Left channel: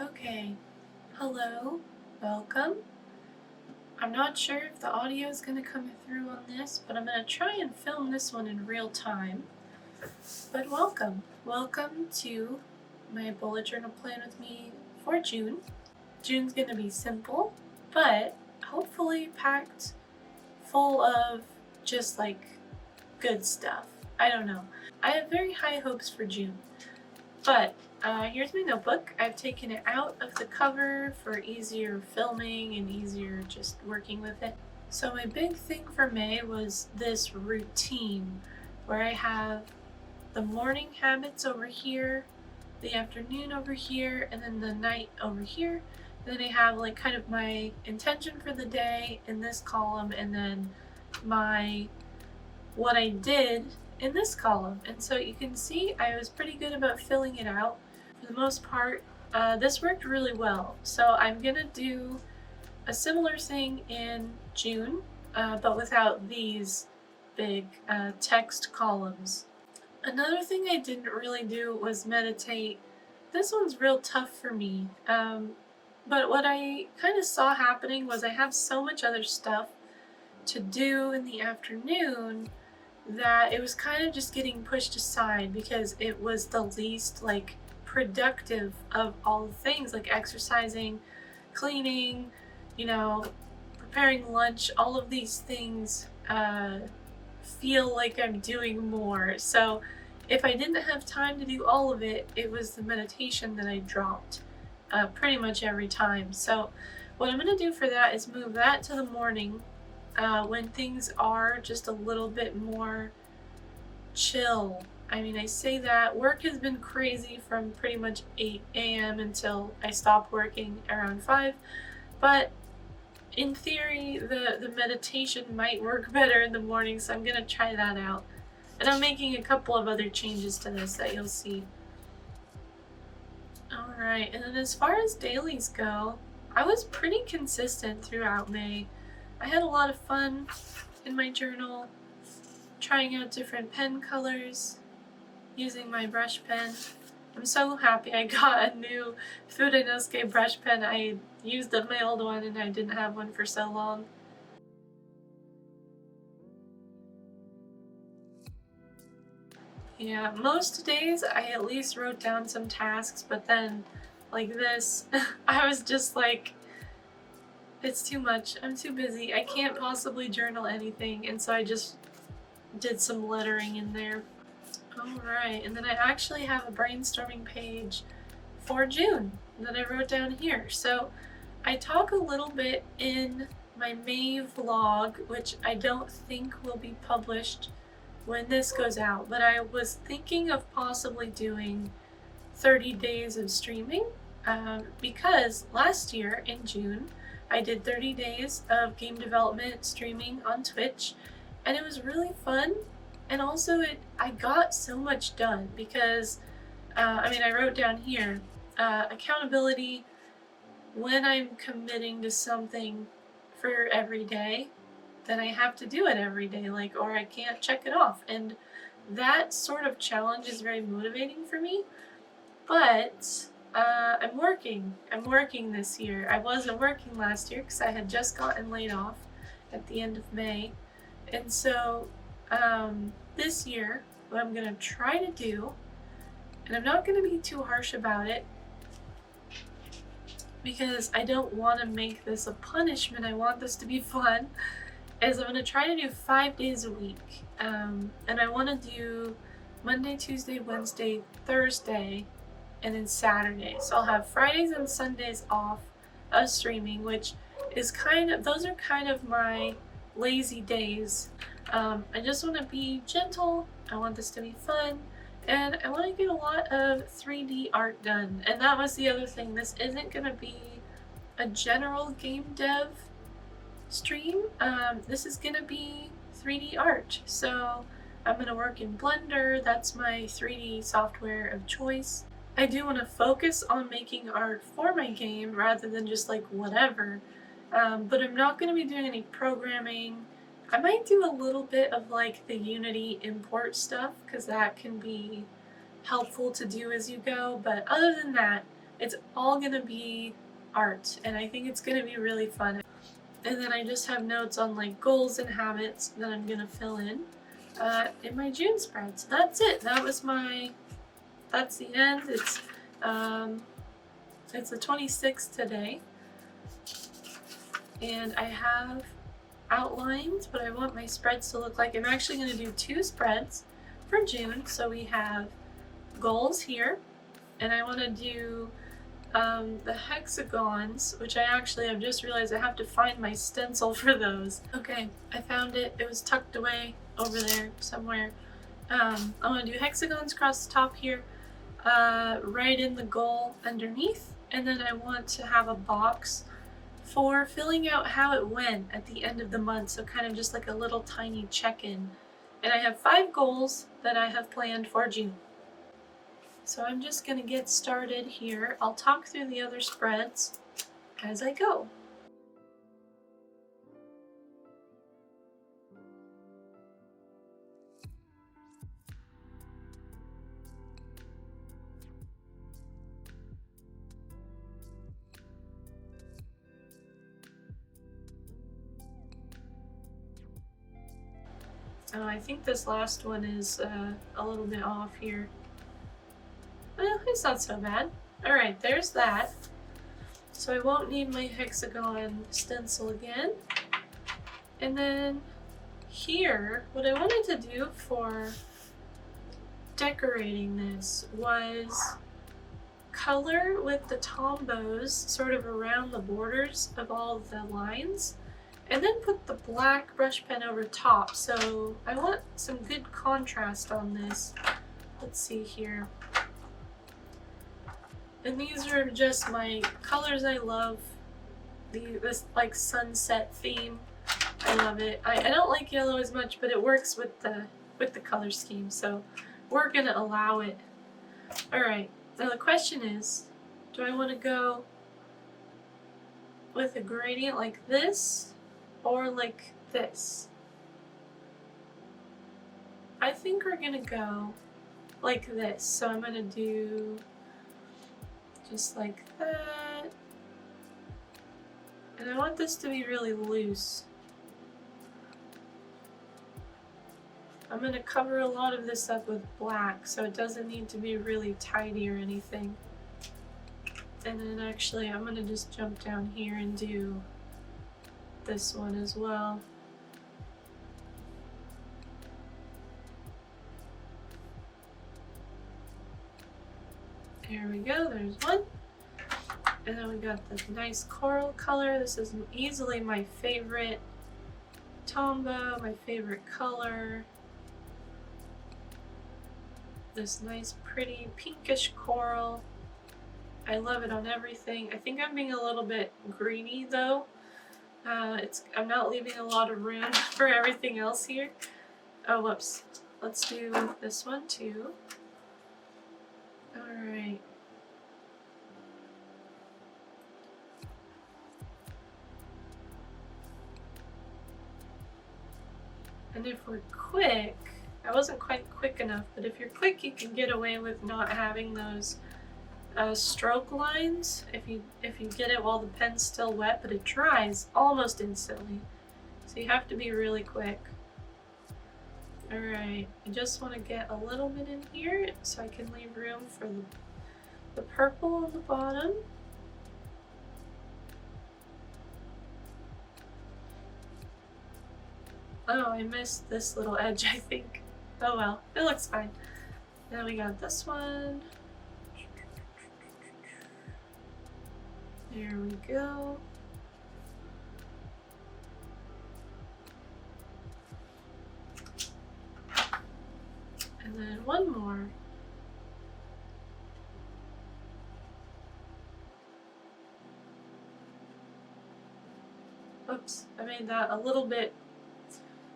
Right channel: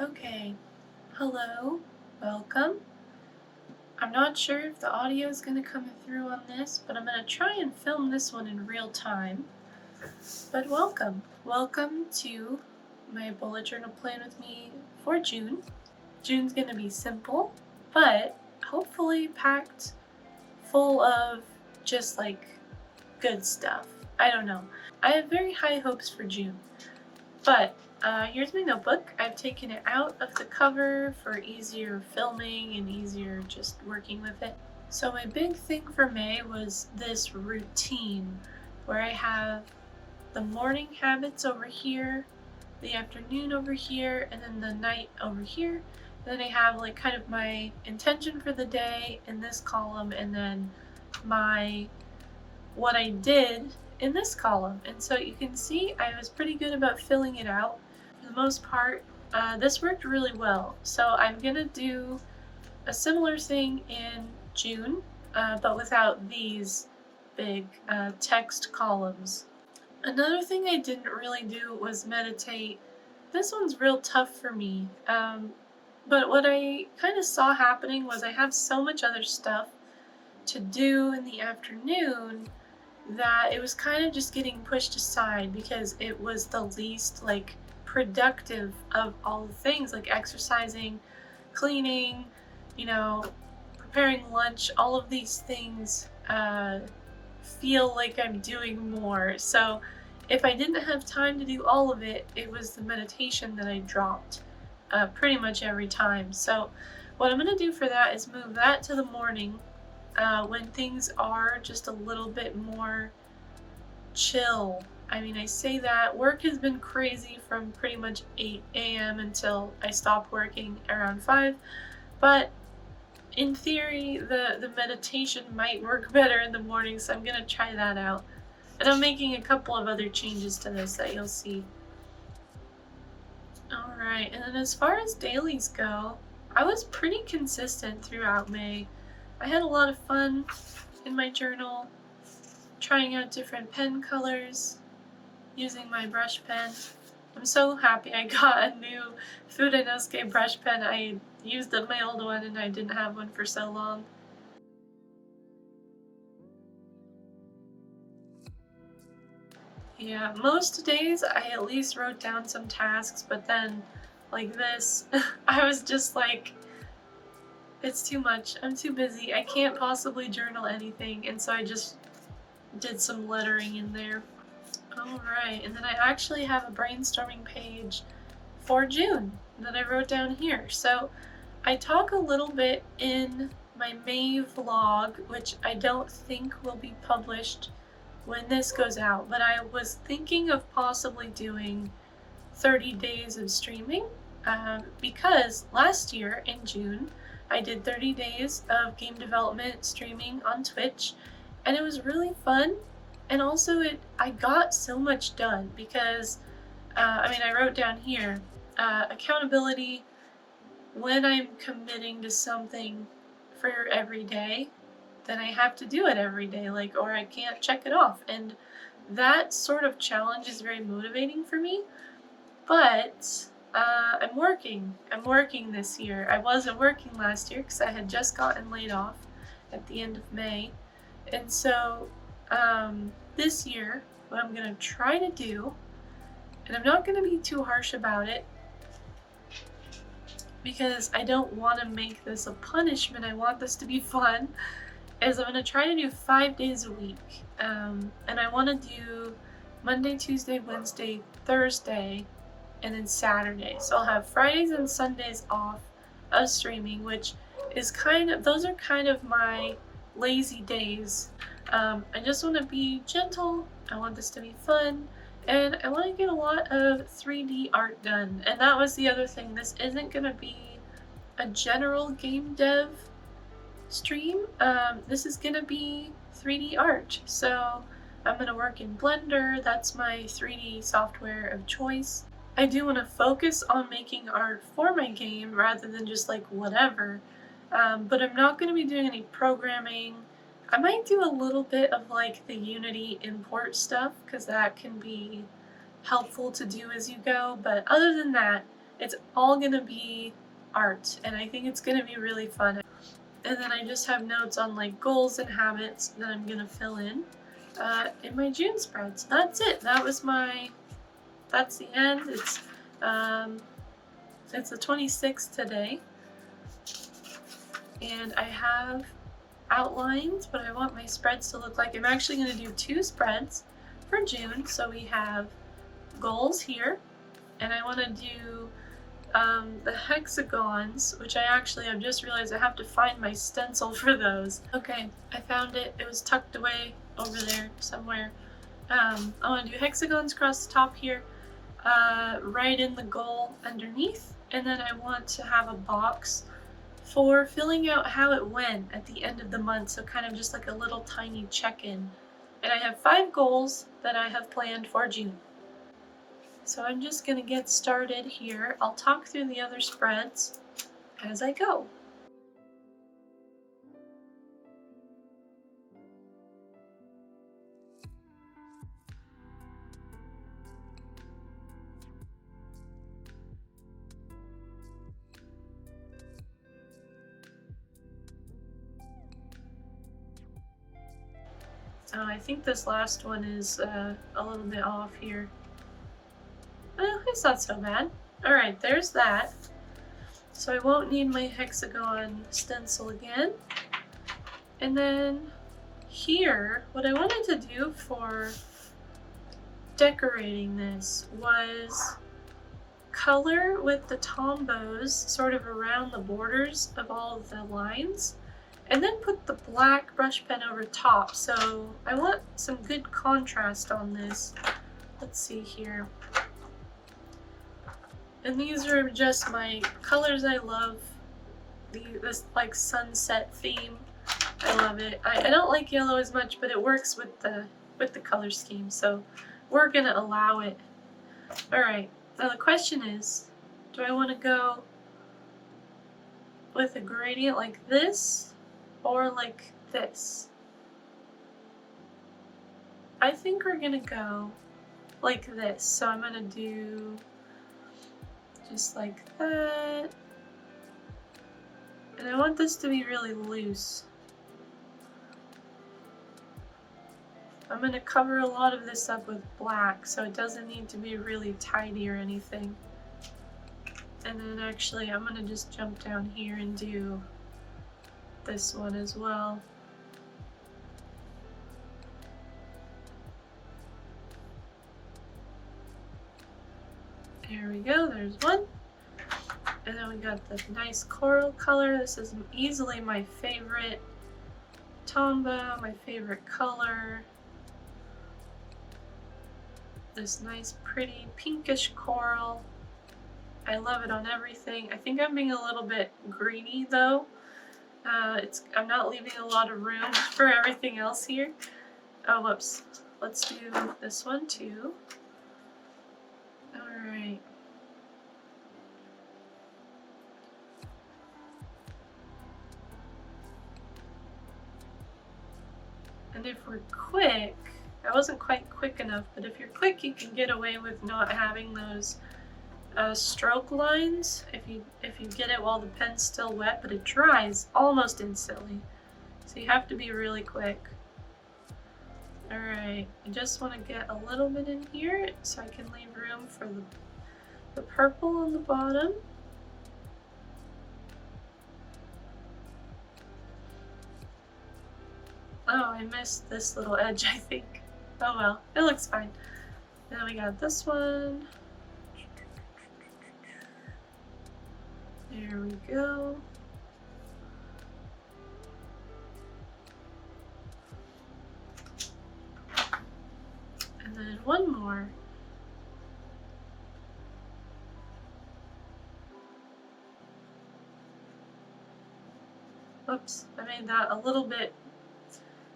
Okay, hello, welcome. I'm not sure if the audio is going to come through on this, but I'm going to try and film this one in real time. But welcome. Welcome to my bullet journal plan with me for June. June's going to be simple, but hopefully packed full of just like good stuff. I don't know. I have very high hopes for June. But here's my notebook. I've taken it out of the cover for easier filming and easier just working with it. So my big thing for May was this routine where I have the morning habits over here, the afternoon over here, and then the night over here. And then I have like kind of my intention for the day in this column, and then my what I did in this column. And so you can see I was pretty good about filling it out. For the most part, this worked really well. So I'm gonna do a similar thing in June, but without these big text columns. Another thing I didn't really do was meditate. This one's real tough for me. But what I kind of saw happening was I have so much other stuff to do in the afternoon that it was kind of just getting pushed aside because it was the least like productive of all the things, like exercising, cleaning, preparing lunch. All of these things feel like I'm doing more. So if I didn't have time to do all of it, it was the meditation that I dropped pretty much every time. So what I'm going to do for that is move that to the morning when things are just a little bit more chill. I mean, I say that work has been crazy from pretty much 8 a.m. until I stopped working around 5, but in theory, the meditation might work better in the morning, so I'm gonna try that out. And I'm making a couple of other changes to this that you'll see. Alright, and then as far as dailies go, I was pretty consistent throughout May. I had a lot of fun in my journal, trying out different pen colors, using my brush pen. I'm so happy I got a new Food and Nosque brush pen. I used up my old one and I didn't have one for so long. Yeah, most days I at least wrote down some tasks, but then like this, I was just like, it's too much. I'm too busy. I can't possibly journal anything, and so I just did some lettering in there. Alright, and then I actually have a brainstorming page for June that I wrote down here. So I talk a little bit in my May vlog, which I don't think will be published when this goes out, but I was thinking of possibly doing 30 days of streaming because last year in June I did 30 days of game development streaming on Twitch, and it was really fun. And also I got so much done because I wrote down here accountability. When I'm committing to something for every day, then I have to do it every day, or I can't check it off. And that sort of challenge is very motivating for me. But I'm working this year. I wasn't working last year because I had just gotten laid off at the end of May. And so this year, what I'm gonna try to do, and I'm not gonna be too harsh about it because I don't want to make this a punishment, I want this to be fun, is I'm gonna try to do 5 days a week. And I want to do Monday, Tuesday, Wednesday, Thursday, and then Saturday. So I'll have Fridays and Sundays off of streaming, which is those are kind of my lazy days. I just want to be gentle, I want this to be fun, and I want to get a lot of 3D art done. And that was the other thing, this isn't going to be a general game dev stream, this is going to be 3D art. So I'm going to work in Blender, that's my 3D software of choice. I do want to focus on making art for my game rather than just like whatever, but I'm not going to be doing any programming. I might do a little bit of like the Unity import stuff because that can be helpful to do as you go, but other than that, It's all gonna be art, and I think it's gonna be really fun. And then I just have notes on like goals and habits that I'm gonna fill in my June spreads. That's it. That's the end. It's the 26th today, and I have outlined what I want my spreads to look like. I'm actually going to do 2 spreads for June. So we have goals here, and I want to do the hexagons, which I've just realized I have to find my stencil for those. Okay, I found it. It was tucked away over there somewhere. I want to do hexagons across the top here, right in the goal underneath, and then I want to have a box for filling out how it went at the end of the month, so kind of just like a little tiny check-in. And I have 5 goals that I have planned for June. So I'm just going to get started here. I'll talk through the other spreads as I go. Oh, I think this last one is a little bit off here. Well, it's not so bad. Alright, there's that. So I won't need my hexagon stencil again. And then here, what I wanted to do for decorating this was color with the tombos sort of around the borders of all of the lines, and then put the black brush pen over top. So I want some good contrast on this. Let's see here. And these are just my colors I love. This like sunset theme. I love it. I don't like yellow as much, but it works with the color scheme, so we're gonna allow it. Alright, now the question is, do I want to go with a gradient like this or like this? I think we're gonna go like this, so I'm gonna do just like that, and I want this to be really loose. I'm going to cover a lot of this up with black, so it doesn't need to be really tidy or anything. And then actually I'm going to just jump down here and do this one as well. There we go, there's one. And then we got the nice coral color. This is easily my favorite tombow, my favorite color. This nice pretty pinkish coral. I love it on everything. I think I'm being a little bit greedy though. I'm not leaving a lot of room for everything else here. Oh, whoops. Let's do this one too. Alright. And if we're quick, I wasn't quite quick enough, but if you're quick, you can get away with not having those stroke lines if you get it while the pen's still wet, but it dries almost instantly. So you have to be really quick. Alright, I just want to get a little bit in here so I can leave room for the purple on the bottom. Oh, I missed this little edge, I think. Oh well, it looks fine. Now we got this one. There we go. And then one more. Oops, I made that a little bit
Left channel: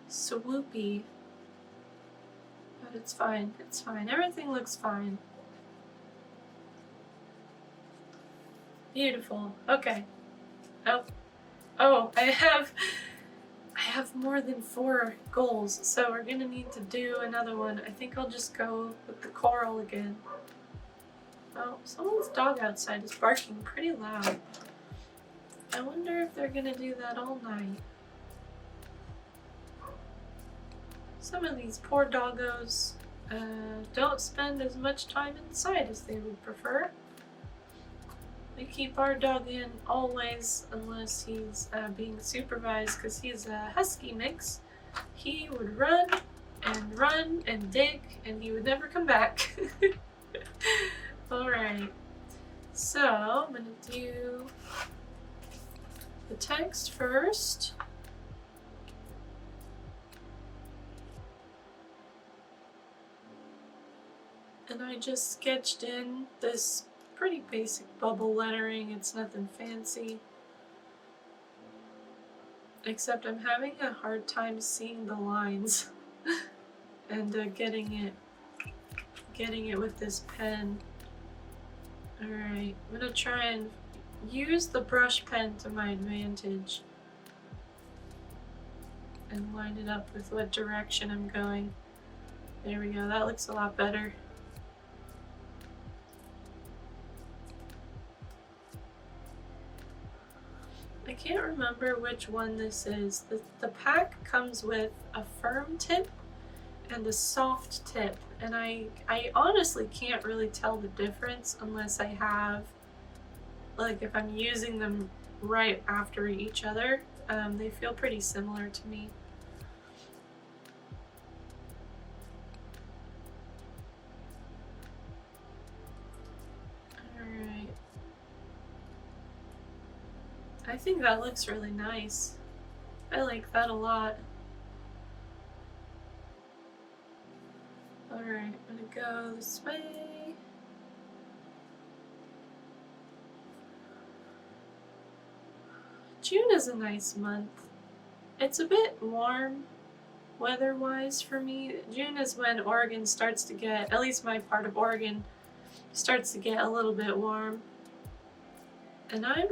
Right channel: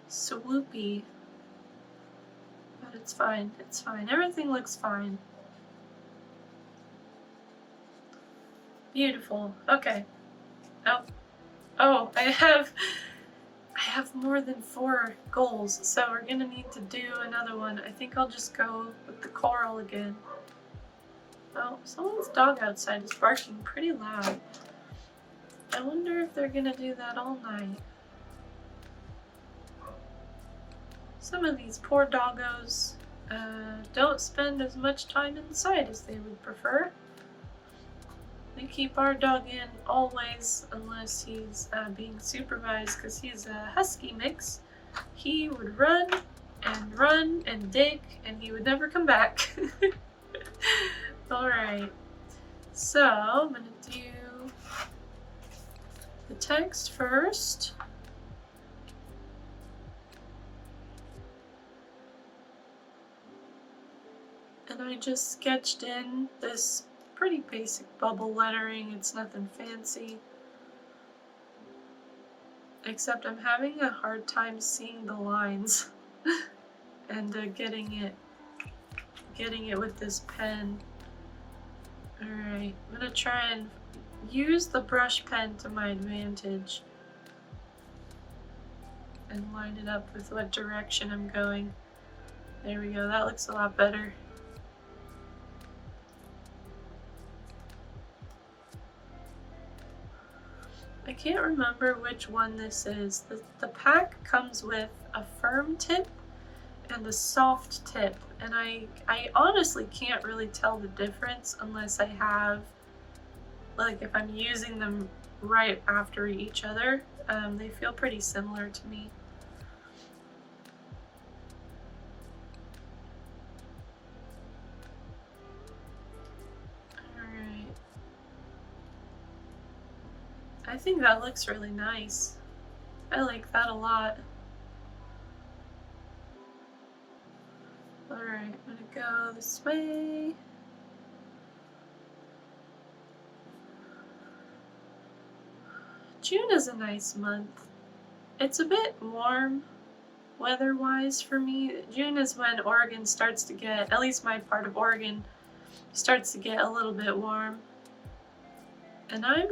swoopy. But it's fine, it's fine. Everything looks fine. Beautiful. Okay. Oh, I have more than 4 goals, so we're gonna need to do another one. I think I'll just go with the coral again. Well, someone's dog outside is barking pretty loud. I wonder if they're gonna do that all night. Some of these poor doggos don't spend as much time inside as they would prefer. We keep our dog in always unless he's being supervised, because he's a husky mix. He would run and dig, and he would never come back. Alright, so I'm going to do the text first. And I just sketched in this pretty basic bubble lettering. It's nothing fancy. Except I'm having a hard time seeing the lines and getting it with this pen. Alright, I'm gonna try and use the brush pen to my advantage and line it up with what direction I'm going. There we go, that looks a lot better. I can't remember which one this is. The pack comes with a firm tip and a soft tip, and I honestly can't really tell the difference unless I have, like, if I'm using them right after each other. They feel pretty similar to me. Alright. I think that looks really nice. I like that a lot. Alright, I'm gonna go this way. June is a nice month. It's a bit warm weather-wise for me. June is when Oregon starts to get, at least my part of Oregon, starts to get a little bit warm. And I'm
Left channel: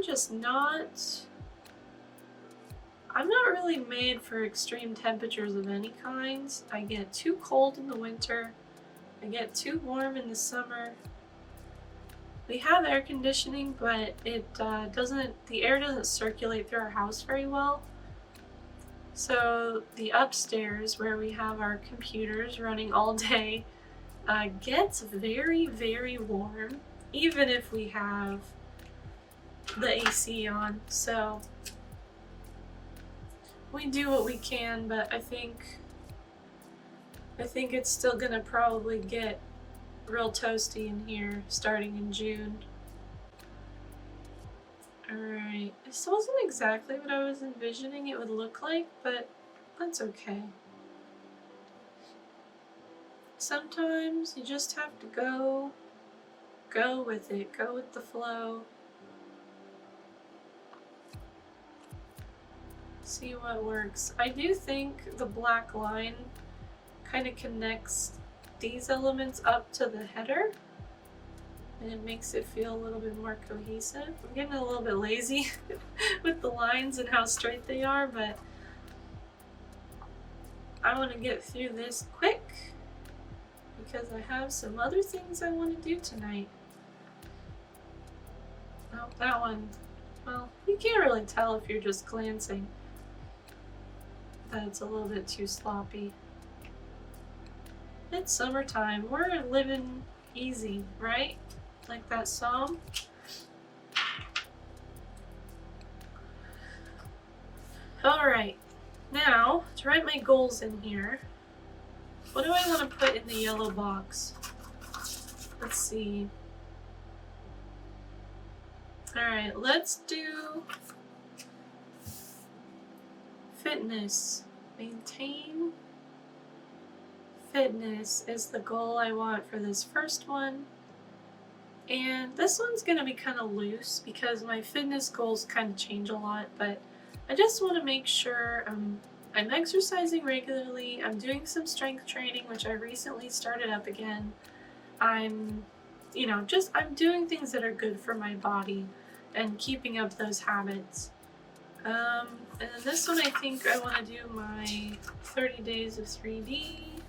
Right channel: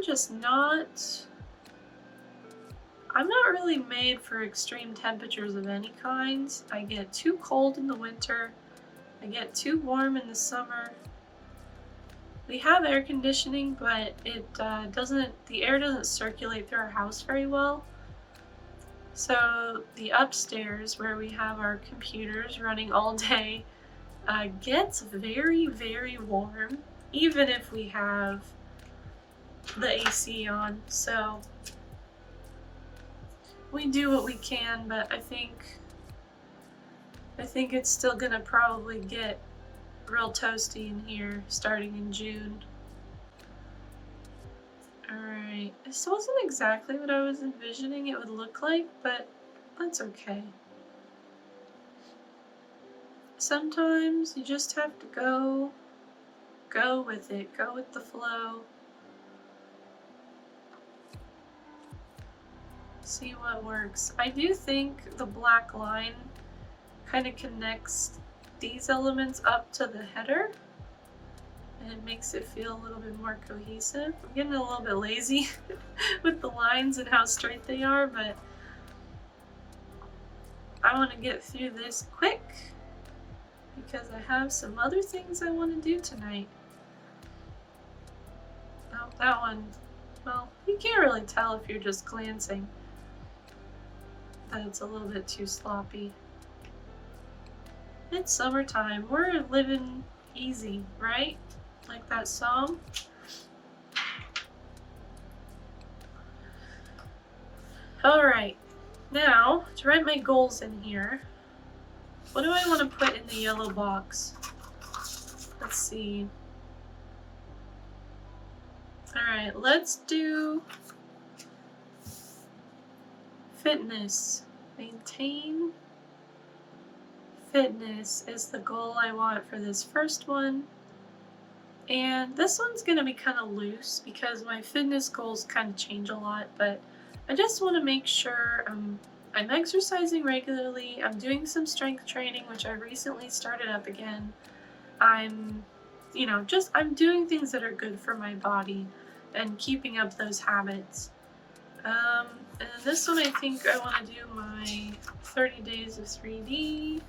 not really made for extreme temperatures of any kind. I get too cold in the winter. I get too warm in the summer. We have air conditioning, but the air doesn't circulate through our house very well. So the upstairs, where we have our computers running all day, gets very, very warm, even if we have the AC on. So we do what we can, but I think it's still gonna probably get real toasty in here starting in June. Alright, this wasn't exactly what I was envisioning it would look like, but that's okay. Sometimes you just have to go with it, go with the flow. See what works. I do think the black line kind of connects these elements up to the header, and it makes it feel a little bit more cohesive. I'm getting a little bit lazy with the lines and how straight they are, but I want to get through this quick because I have some other things I want to do tonight. Oh, that one, well, you can't really tell if you're just glancing. That's a little bit too sloppy. It's summertime. We're living easy, right? Like that song. Alright, now to write my goals in here, what do I want to put in the yellow box? Let's see. Alright, let's do fitness. Maintain fitness is the goal I want for this first one. And this one's going to be kind of loose because my fitness goals kind of change a lot, but I just want to make sure I'm exercising regularly. I'm doing some strength training, which I recently started up again. I'm doing things that are good for my body and keeping up those habits. And then this one, I think I want to do my 30 days of 3D.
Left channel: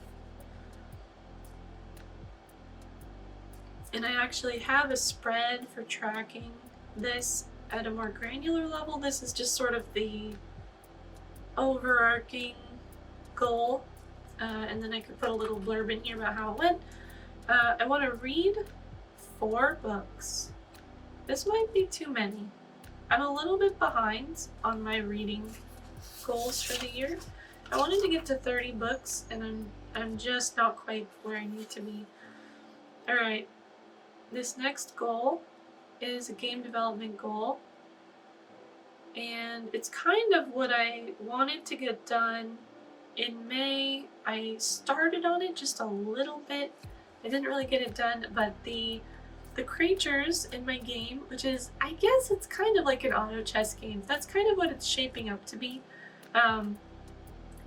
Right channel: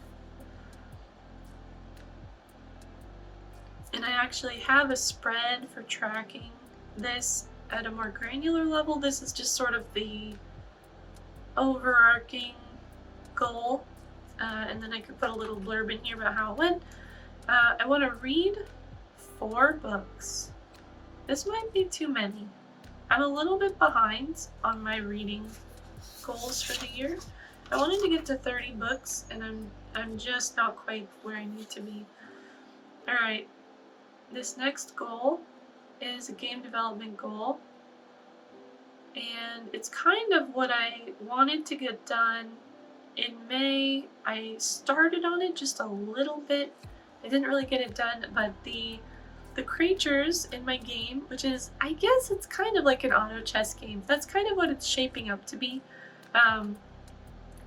And I actually have a spread for tracking this at a more granular level. This is just sort of the overarching goal, and then I could put a little blurb in here about how it went. I want to read 4 books. This might be too many. I'm a little bit behind on my reading goals for the year. I wanted to get to 30 books, and I'm just not quite where I need to be. All right, this next goal is a game development goal, and it's kind of what I wanted to get done in May. I started on it just a little bit. I didn't really get it done, but the creatures in my game, which is, I guess it's kind of like an auto chess game. That's kind of what it's shaping up to be.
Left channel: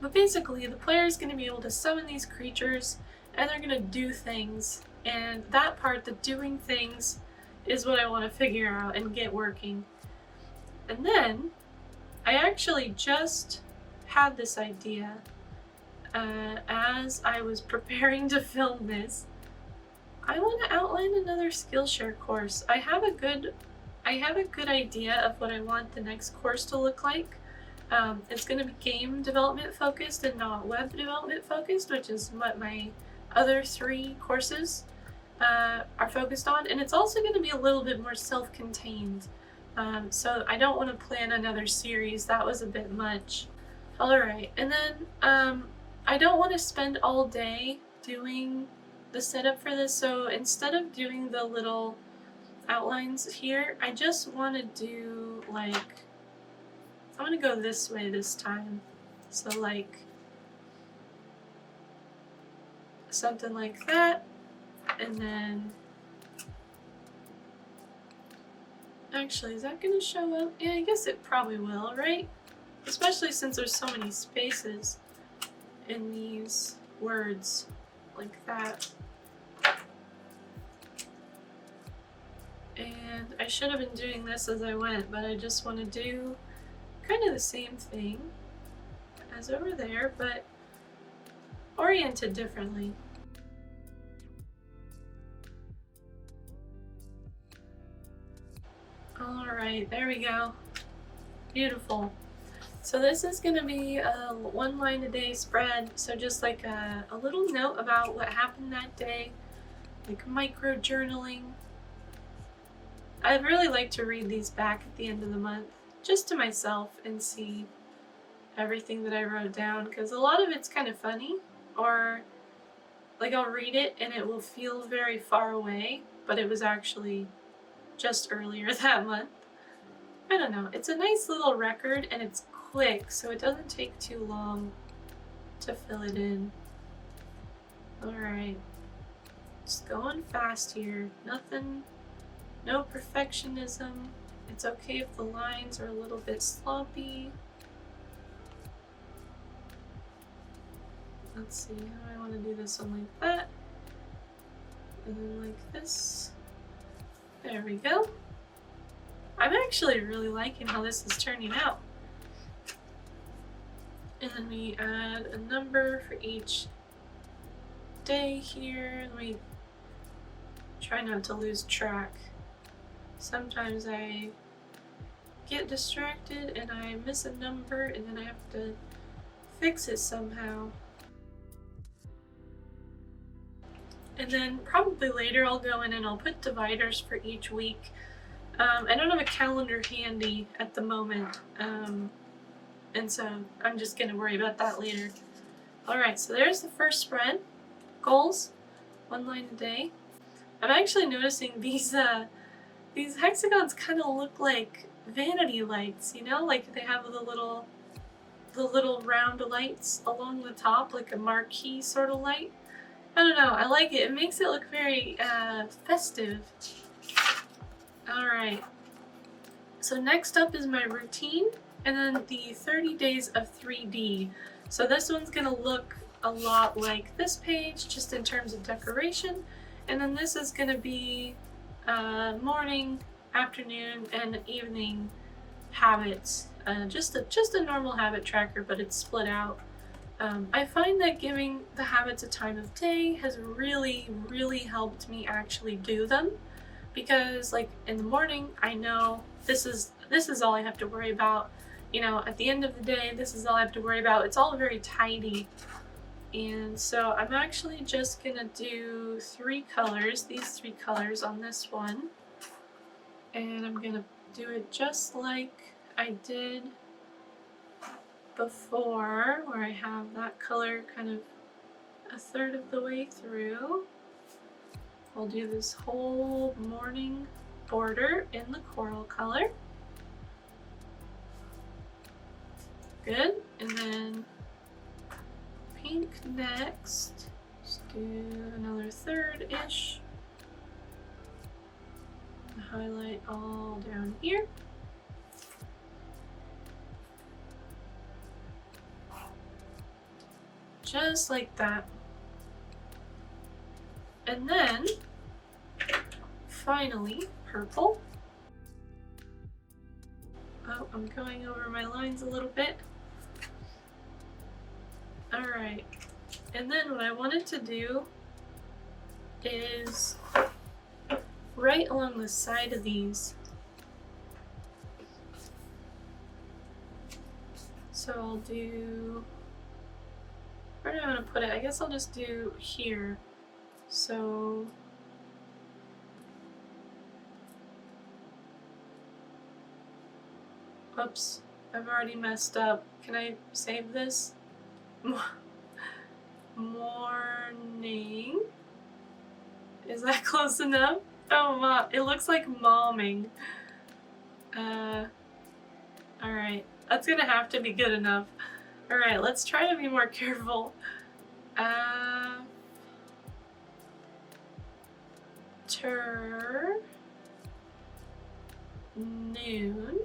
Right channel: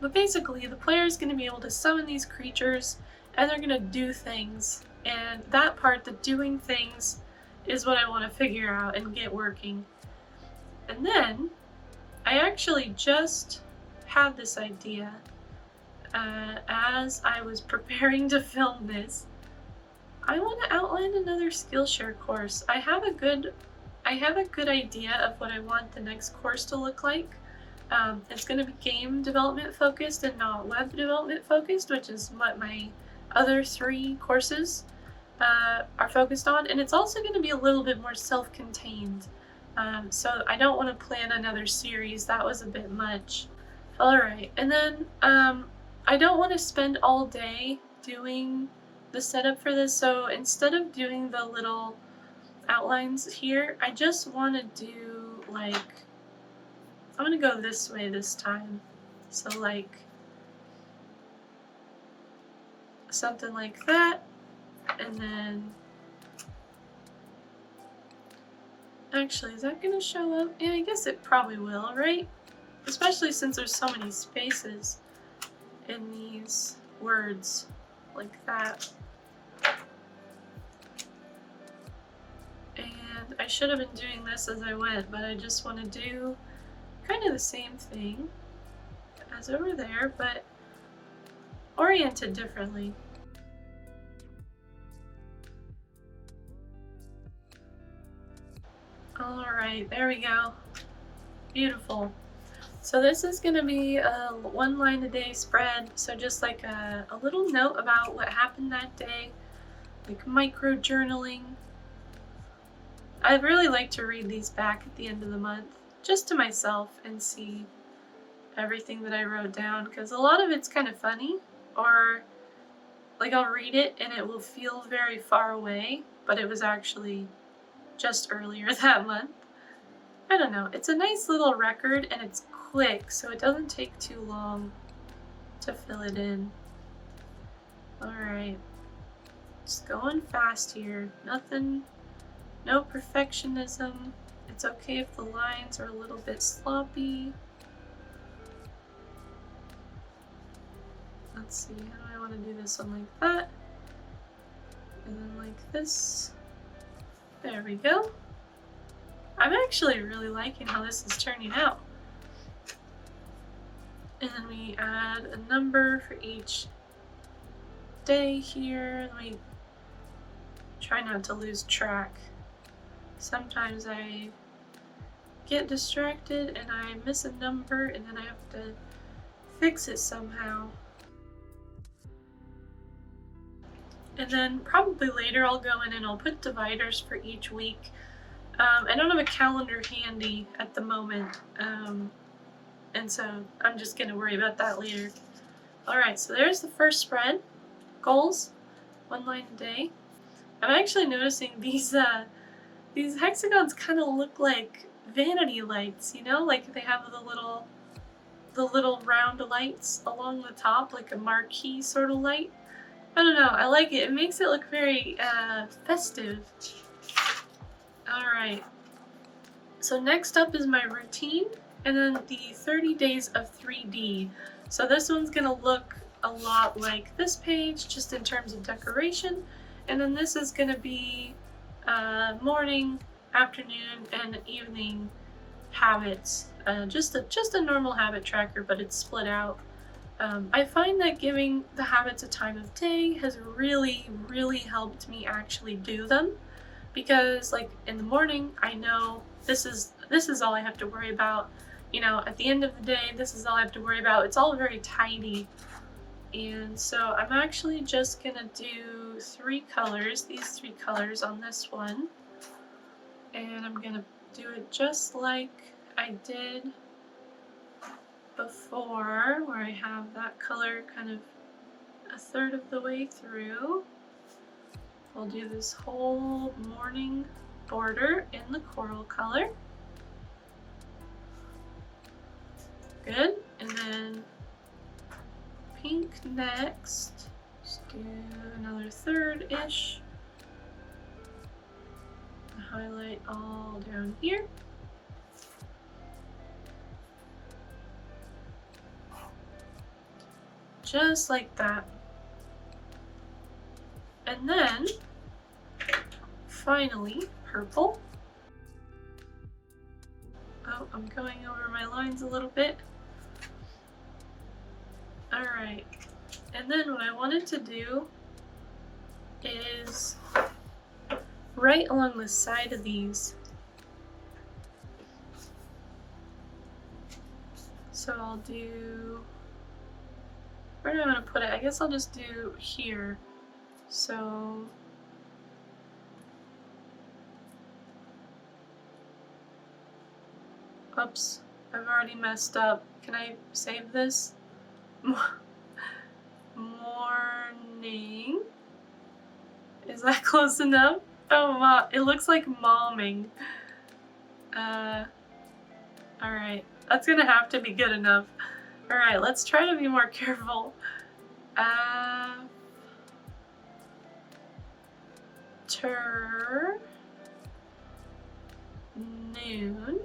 But basically, the player is going to be able to summon these creatures, and they're going to do things. And that part, the doing things, is what I want to figure out and get working. And then, I actually just had this idea as I was preparing to film this. I want to outline another Skillshare course. I have a good idea of what I want the next course to look like. It's going to be game development focused and not web development focused, which is what my other 3 courses are focused on. And it's also going to be a little bit more self-contained. So I don't want to plan another series. That was a bit much. Alright, and then I don't want to spend all day doing the setup for this, so instead of doing the little outlines here, I just want to do like, I'm going to go this way this time. So like something like that, and then actually, is that going to show up? Yeah, I guess it probably will, right? Especially since there's so many spaces in these words like that. And I should have been doing this as I went, but I just want to do kind of the same thing as over there, but oriented differently. Alright, there we go. Beautiful. So this is going to be a 1 line a day spread, so just like a little note about what happened that day, like micro journaling. I'd really like to read these back at the end of the month, just to myself, and see everything that I wrote down, because a lot of it's kind of funny, or like I'll read it and it will feel very far away, but it was actually just earlier that month. I don't know, it's a nice little record and it's quick, so it doesn't take too long to fill it in. Alright, just going fast here, nothing. No perfectionism. It's okay if the lines are a little bit sloppy. Let's see, how do I want to do this one like that? And then like this. There we go. I'm actually really liking how this is turning out. And then we add a number for each day here. Let me try not to lose track. Sometimes I get distracted and I miss a number and then I have to fix it somehow. And then probably later I'll go in and I'll put dividers for each week. I don't have a calendar handy at the moment, and so I'm just going to worry about that later. Alright, so there's the first spread. Goals, 1 line a day. I'm actually noticing these hexagons kind of look like vanity lights, you know, like they have the little round lights along the top, like a marquee sort of light. I don't know, I like it. It makes it look very festive. Alright, so next up is my routine, and then the 30 days of 3D. So this one's gonna look a lot like this page, just in terms of decoration, and then this is gonna be morning, afternoon, and evening habits. Just a normal habit tracker, but it's split out I find that giving the habits a time of day has really, really helped me actually do them, because like in the morning, I know this is all I have to worry about. You know, at the end of the day, this is all I have to worry about. It's all very tidy. And so I'm actually just gonna do these three colors on this one. And I'm gonna do it just like I did before, where I have that color kind of a third of the way through. We'll do this whole morning border in the coral color. Good. And then pink next. Just do another third-ish. Highlight all down here. Just like that. And then, finally, purple. Oh, I'm going over my lines a little bit. Alright, and then what I wanted to do is right along the side of these. So I'll do, where do I want to put it? I guess I'll just do here. So oops, I've already messed up. Can I save this? Morning. Is that close enough? Oh, it looks like momming. Alright, that's gonna have to be good enough. Alright, let's try to be more careful. Noon.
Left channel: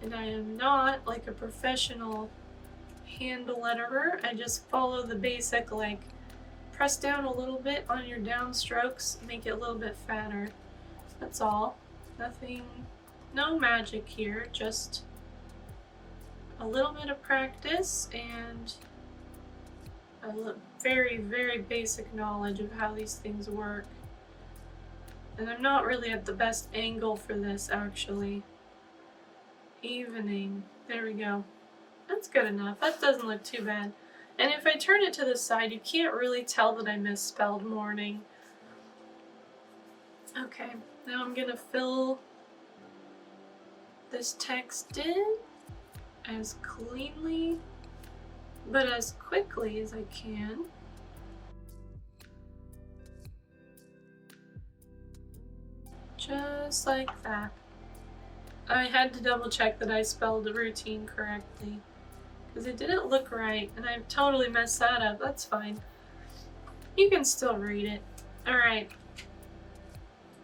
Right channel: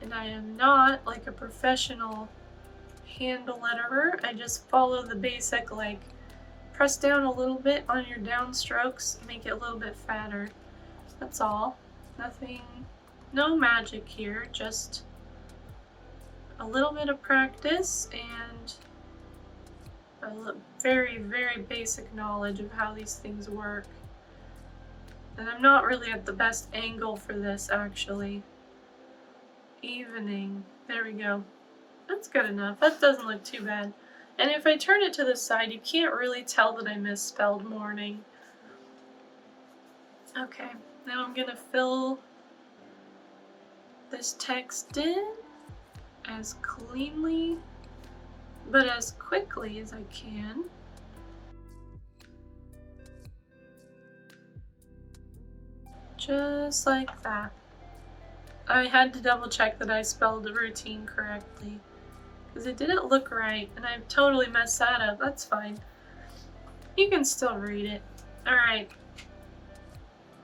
And I am not like a professional hand letterer. I just follow the basic, like, press down a little bit on your downstrokes, make it a little bit fatter. That's all. Nothing, no magic here, just a little bit of practice and a very, very basic knowledge of how these things work. And I'm not really at the best angle for this, actually. Evening. There we go. That's good enough. That doesn't look too bad. And if I turn it to the side, you can't really tell that I misspelled morning. Okay, now I'm gonna fill this text in as cleanly but as quickly as I can. Just like that. I had to double check that I spelled the routine correctly, because it didn't look right, and I totally messed that up. That's fine. You can still read it. Alright.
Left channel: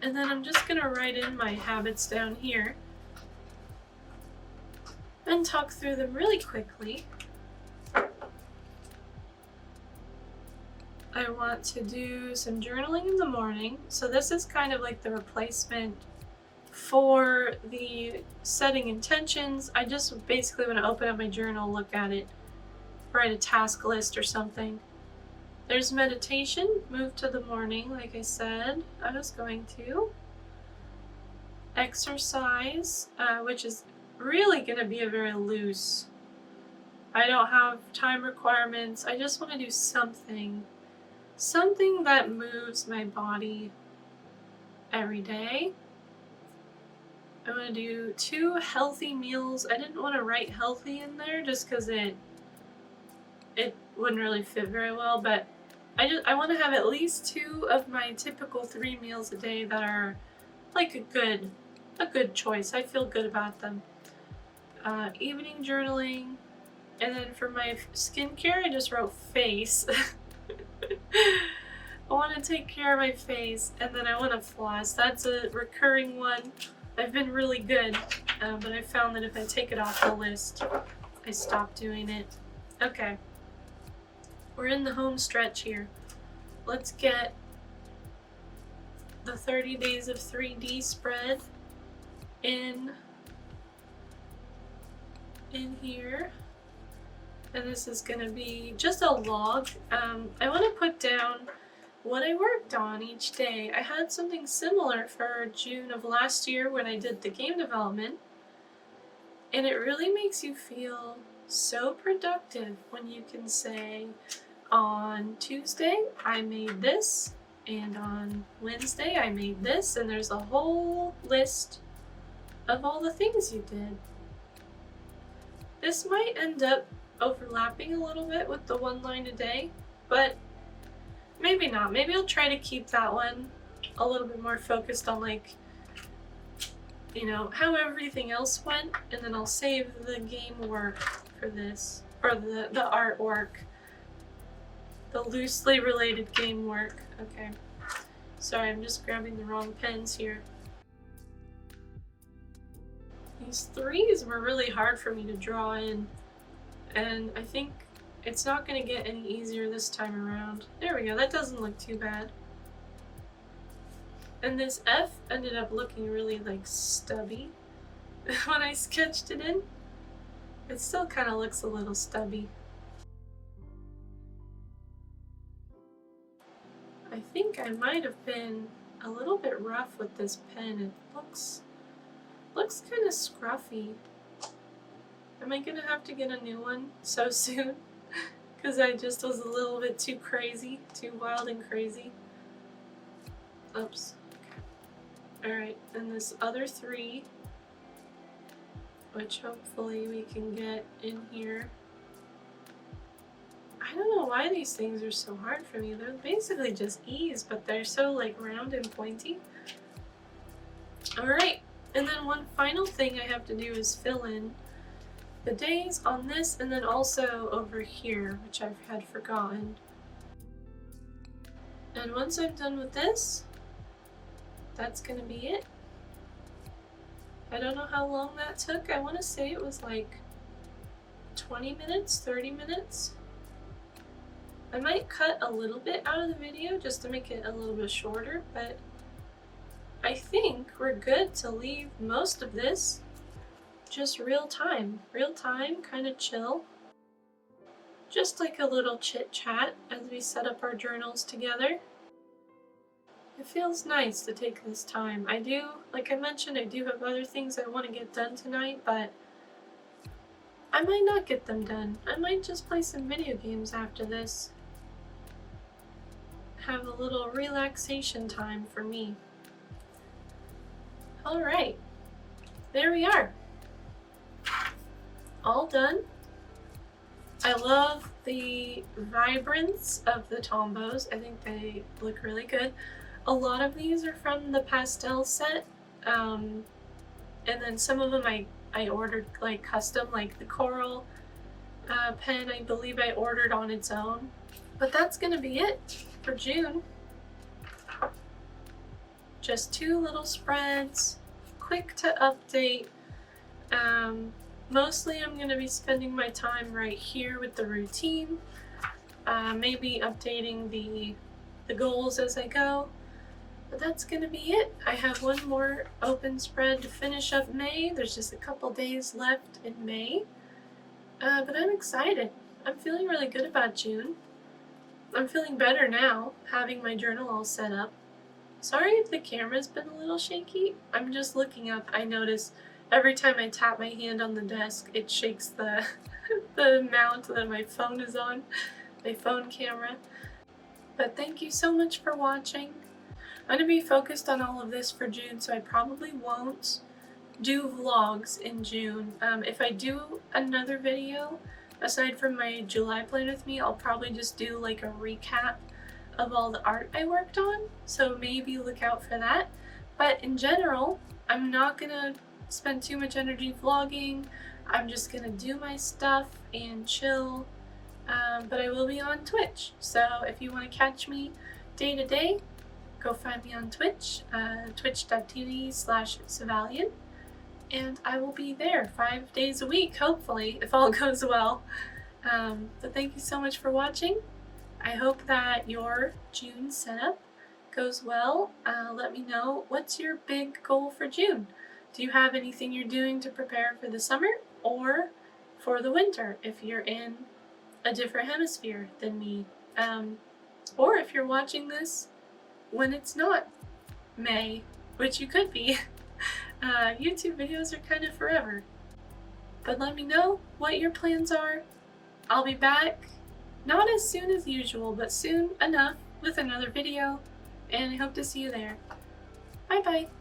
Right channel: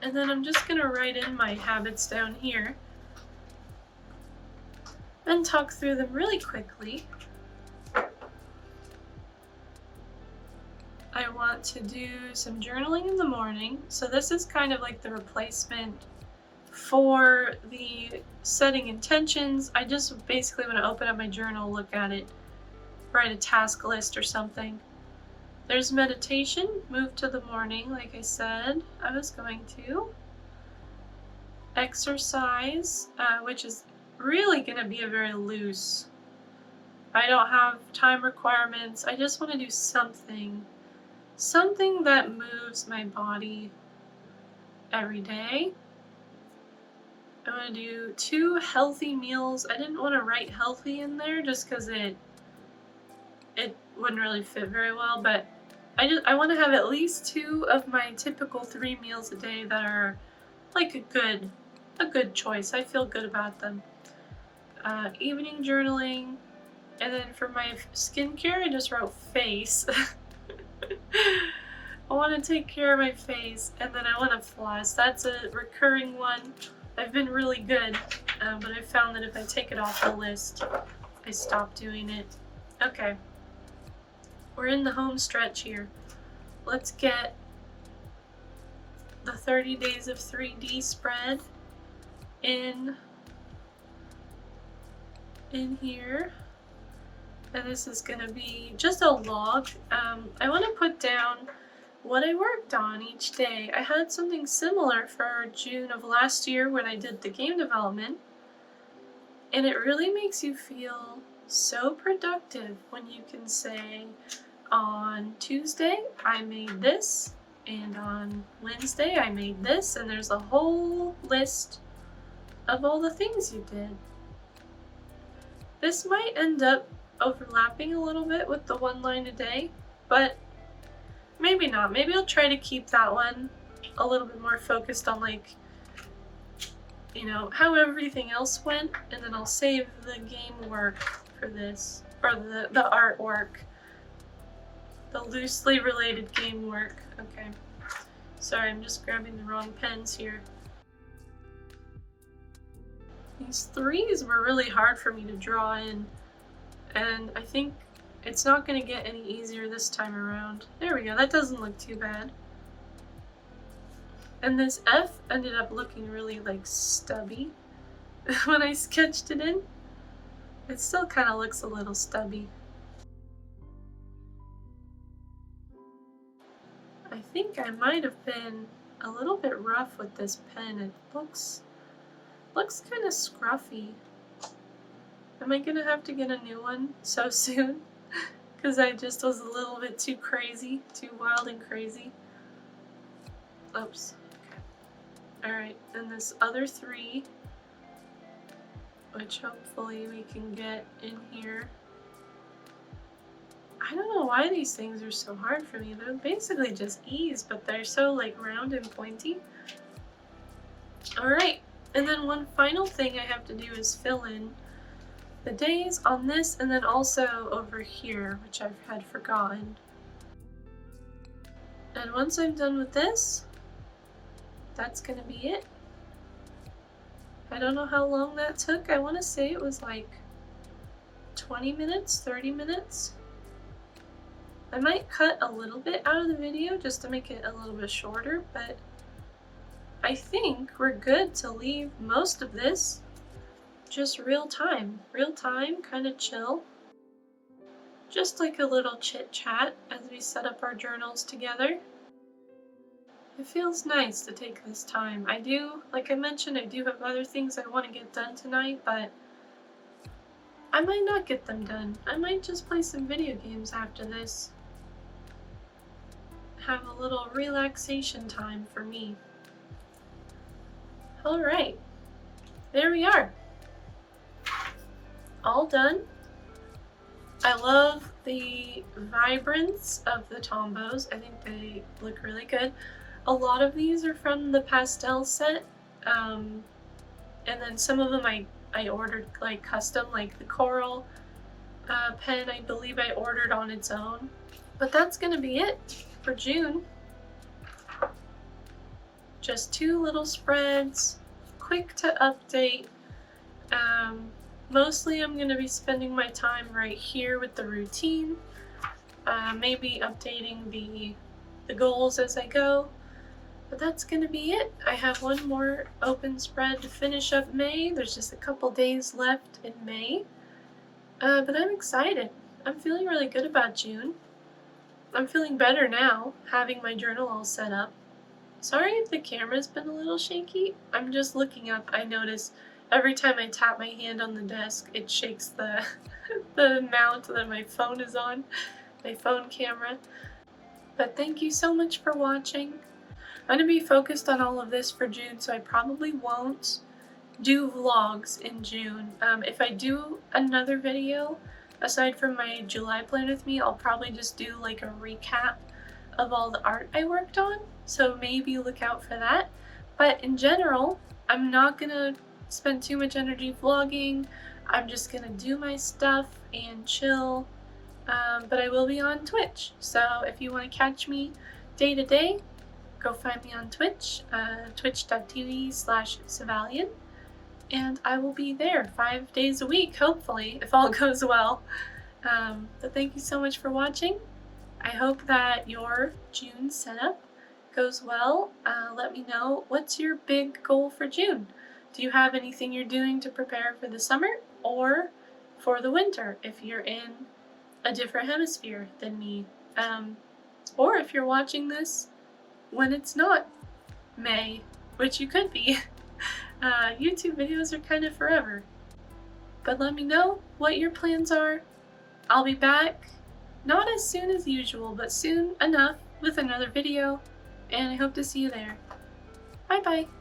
And then I'm just gonna write in my habits down here and talk through them really quickly. I want to do some journaling in the morning. So this is kind of like the replacement for the setting intentions. I just basically want to open up my journal, look at it, write a task list or something. There's meditation, move to the morning, like I said I was going to. Exercise, which is really going to be a very loose. I don't have time requirements. I just want to do something that moves my body every day. I want to do 2 healthy meals. I didn't want to write healthy in there just because it wouldn't really fit very well, but I want to have at least 2 of my typical 3 meals a day that are like a good choice. I feel good about them. Evening journaling, and then for my skincare, I just wrote face. I want to take care of my face, and then I want to floss. That's a recurring one. I've been really good, but I found that if I take it off the list, I stop doing it. Okay, we're in the home stretch here. Let's get the 30 days of 3D spread in here. And this is going to be just a log. I want to put down what I worked on each day. I had something similar for June of last year when I did the game development, and it really makes you feel so productive when you can say, on Tuesday I made this, and on Wednesday I made this, and there's a whole list of all the things you did. This might end up overlapping a little bit with the one line a day, but maybe not. Maybe I'll try to keep that one a little bit more focused on, like, you know, how everything else went, and then I'll save the game work for this, or the artwork, the loosely related game work. Okay, sorry, I'm just grabbing the wrong pens here. These threes were really hard for me to draw in, and I think it's not going to get any easier this time around. There we go, that doesn't look too bad. And this F ended up looking really, like, stubby when I sketched it in. It still kind of looks a little stubby. I think I might have been a little bit rough with this pen. It looks kind of scruffy. Am I gonna have to get a new one so soon? Because I just was a little bit too crazy, too wild and crazy. Oops. Alright, and this other three, which hopefully we can get in here. I don't know why these things are so hard for me. They're basically just E's, but they're so, like, round and pointy. Alright, and then one final thing I have to do is fill in the days on this, and then also over here, which I've had forgotten. And once I'm done with this, that's gonna be it. I don't know how long that took. I want to say it was like 20 minutes, 30 minutes. I might cut a little bit out of the video just to make it a little bit shorter, but I think we're good to leave most of this just real time, kind of chill. Just like a little chit chat as we set up our journals together. It feels nice to take this time. I do, like I mentioned, I do have other things I want to get done tonight, but I might not get them done. I might just play some video games after this. Have a little relaxation time for me. Alright, there we are. All done. I love the vibrance of the tombos. I think they look really good. A lot of these are from the pastel set, and then some of them I ordered, like, custom, like the coral pen I believe I ordered on its own. But that's gonna be it for June. Just 2 little spreads, quick to update. Mostly I'm gonna be spending my time right here with the routine, maybe updating the goals as I go. But that's gonna be it. I have one more open spread to finish up May. There's just a couple days left in May. But I'm excited. I'm feeling really good about June. I'm feeling better now, having my journal all set up. Sorry if the camera's been a little shaky. I'm just looking up. I notice every time I tap my hand on the desk, it shakes the, the mount that my phone is on, my phone camera. But thank you so much for watching. I'm going to be focused on all of this for June, so I probably won't do vlogs in June. If I do another video, aside from my July plan with me, I'll probably just do like a recap of all the art I worked on, so maybe look out for that. But in general, I'm not going to spend too much energy vlogging. I'm just going to do my stuff and chill. But I will be on Twitch, so if you want to catch me day to day, go find me on Twitch, twitch.tv/Savalian, and I will be there 5 days a week, hopefully, if all goes well. But thank you so much for watching. I hope that your June setup goes well. Let me know, what's your big goal for June? Do you have anything you're doing to prepare for the summer or for the winter if you're in a different hemisphere than me. Or if you're watching this when it's not May, which you could be. YouTube videos are kind of forever. But let me know what your plans are. I'll be back, not as soon as usual, but soon enough with another video, and I hope to see you there. Bye bye!